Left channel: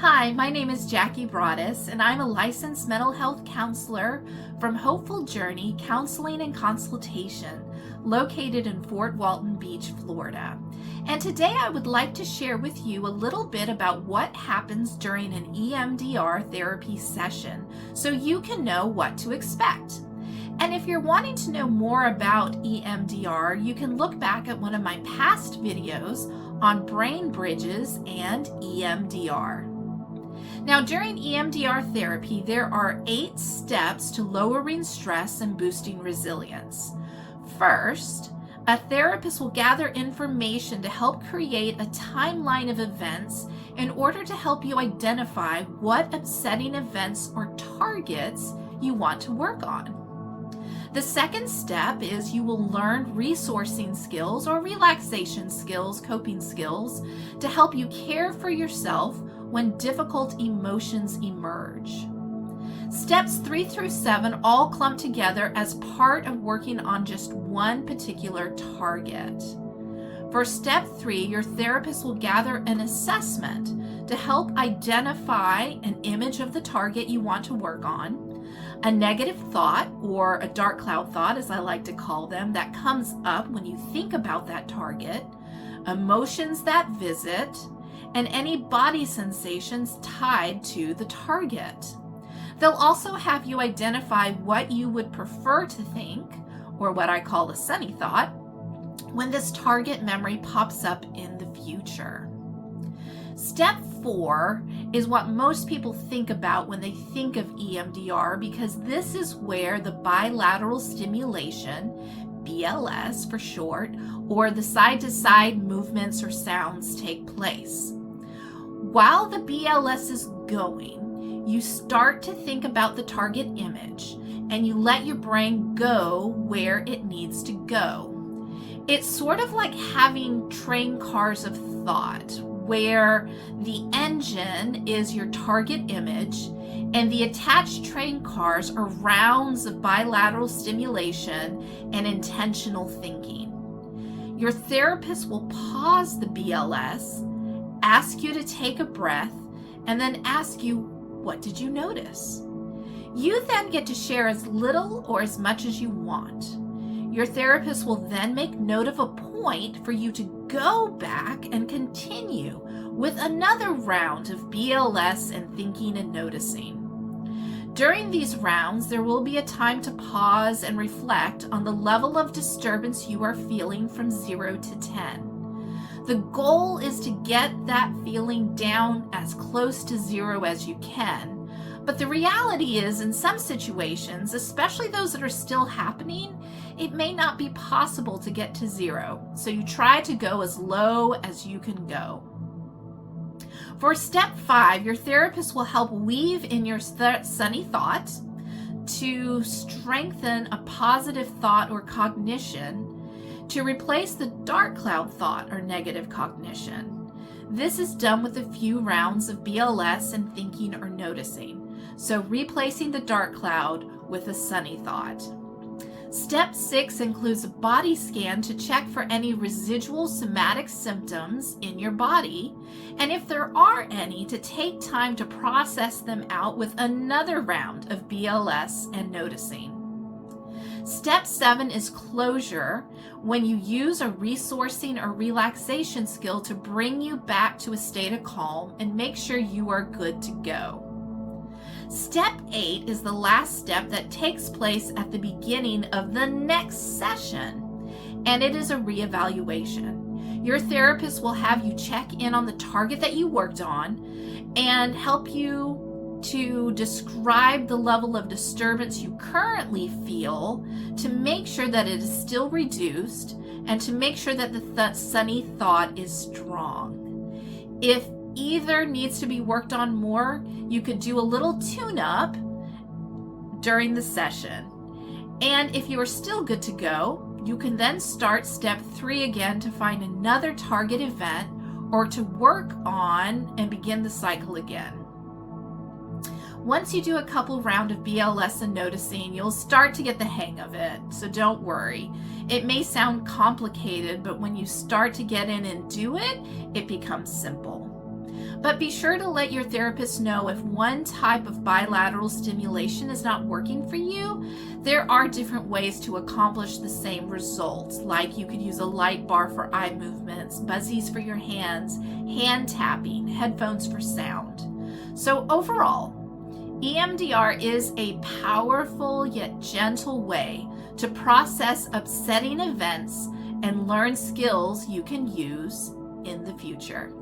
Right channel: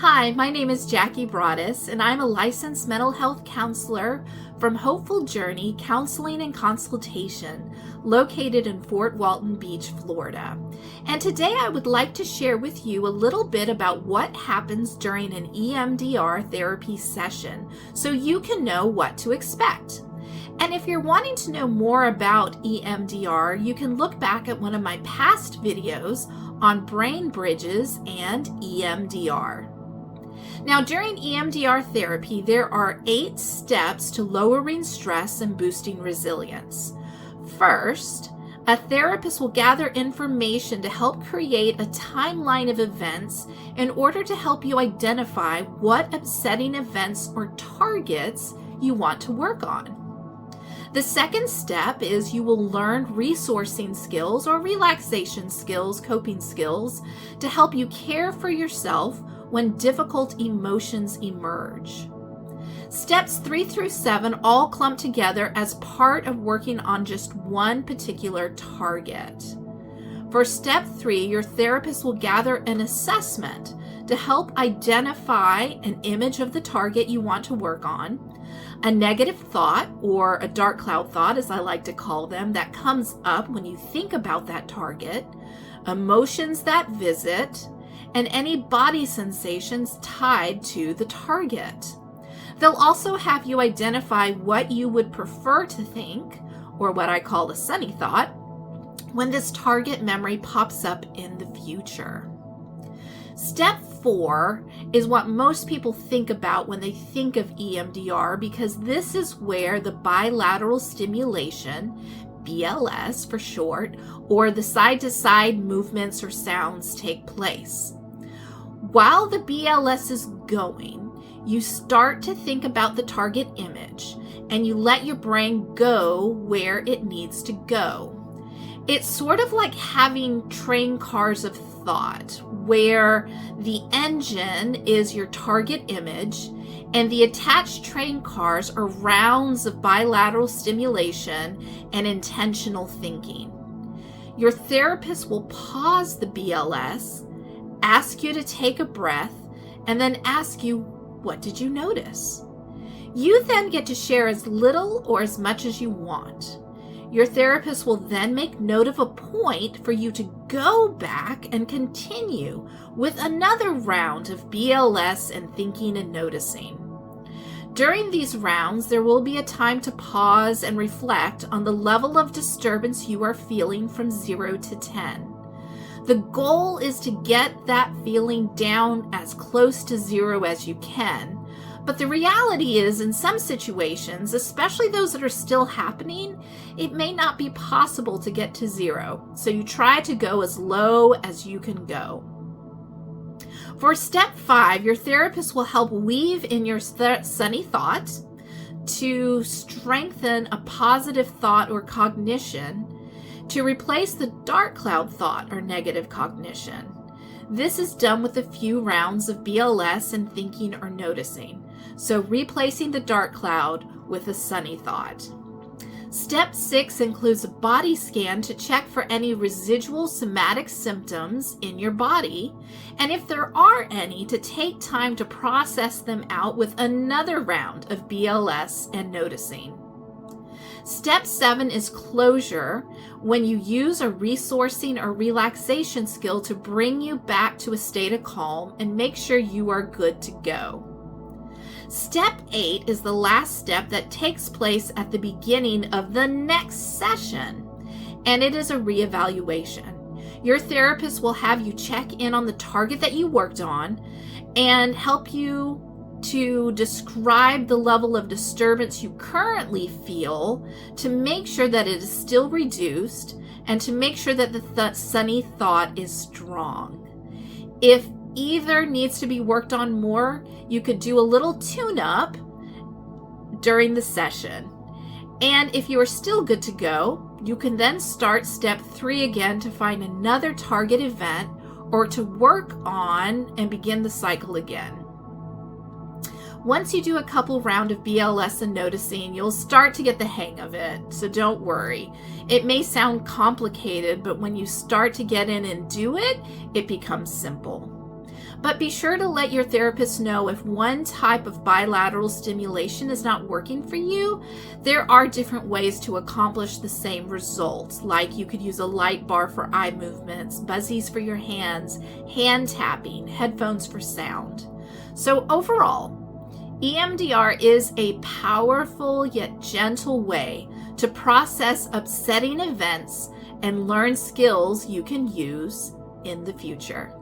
Hi, my name is Jackie Broaddus, and I'm a licensed mental health counselor from Hopeful Journey Counseling and Consultation, located in Fort Walton Beach, Florida. And today I would like to share with you a little bit about what happens during an EMDR therapy session so you can know what to expect. And if you're wanting to know more about EMDR, you can look back at one of my past videos on brain bridges and EMDR. Now, during EMDR therapy, there are 8 steps to lowering stress and boosting resilience. First, a therapist will gather information to help create a timeline of events in order to help you identify what upsetting events or targets you want to work on. The second step is you will learn resourcing skills or relaxation skills, coping skills, to help you care for yourself when difficult emotions emerge. Steps 3 through 7 all clump together as part of working on just one particular target. For step 3, your therapist will gather an assessment to help identify an image of the target you want to work on, a negative thought, or a dark cloud thought, as I like to call them, that comes up when you think about that target, emotions that visit, and any body sensations tied to the target. They'll also have you identify what you would prefer to think, or what I call a sunny thought, when this target memory pops up in the future. Step 4 is what most people think about when they think of EMDR, because this is where the bilateral stimulation, BLS for short, or the side-to-side movements or sounds take place. While the BLS is going, you start to think about the target image and you let your brain go where it needs to go. It's sort of like having train cars of thought, where the engine is your target image and the attached train cars are rounds of bilateral stimulation and intentional thinking. Your therapist will pause the BLS, ask you to take a breath, and then ask you, what did you notice? You then get to share as little or as much as you want. Your therapist will then make note of a point for you to go back and continue with another round of BLS and thinking and noticing. During these rounds, there will be a time to pause and reflect on the level of disturbance you are feeling from 0 to 10. The goal is to get that feeling down as close to 0 as you can. But the reality is, in some situations, especially those that are still happening, it may not be possible to get to 0. So you try to go as low as you can go. For step 5, your therapist will help weave in your sunny thought to strengthen a positive thought or cognition to replace the dark cloud thought or negative cognition. This is done with a few rounds of BLS and thinking or noticing. So replacing the dark cloud with a sunny thought. Step 6 includes a body scan to check for any residual somatic symptoms in your body, and if there are any, to take time to process them out with another round of BLS and noticing. Step 7 is closure, when you use a resourcing or relaxation skill to bring you back to a state of calm and make sure you are good to go. Step 8 is the last step that takes place at the beginning of the next session, and it is a reevaluation. Your therapist will have you check in on the target that you worked on and help you to describe the level of disturbance you currently feel to make sure that it is still reduced and to make sure that the sunny thought is strong. If either needs to be worked on more, you could do a little tune-up during the session. And if you are still good to go, you can then start step 3 again to find another target event or to work on and begin the cycle again. Once you do a couple round of BLS and noticing, you'll start to get the hang of it, so don't worry. It may sound complicated, but when you start to get in and do it, it becomes simple. But be sure to let your therapist know if one type of bilateral stimulation is not working for you. There are different ways to accomplish the same results, like you could use a light bar for eye movements, buzzies for your hands, hand tapping, headphones for sound. So overall, EMDR is a powerful yet gentle way to process upsetting events and learn skills you can use in the future.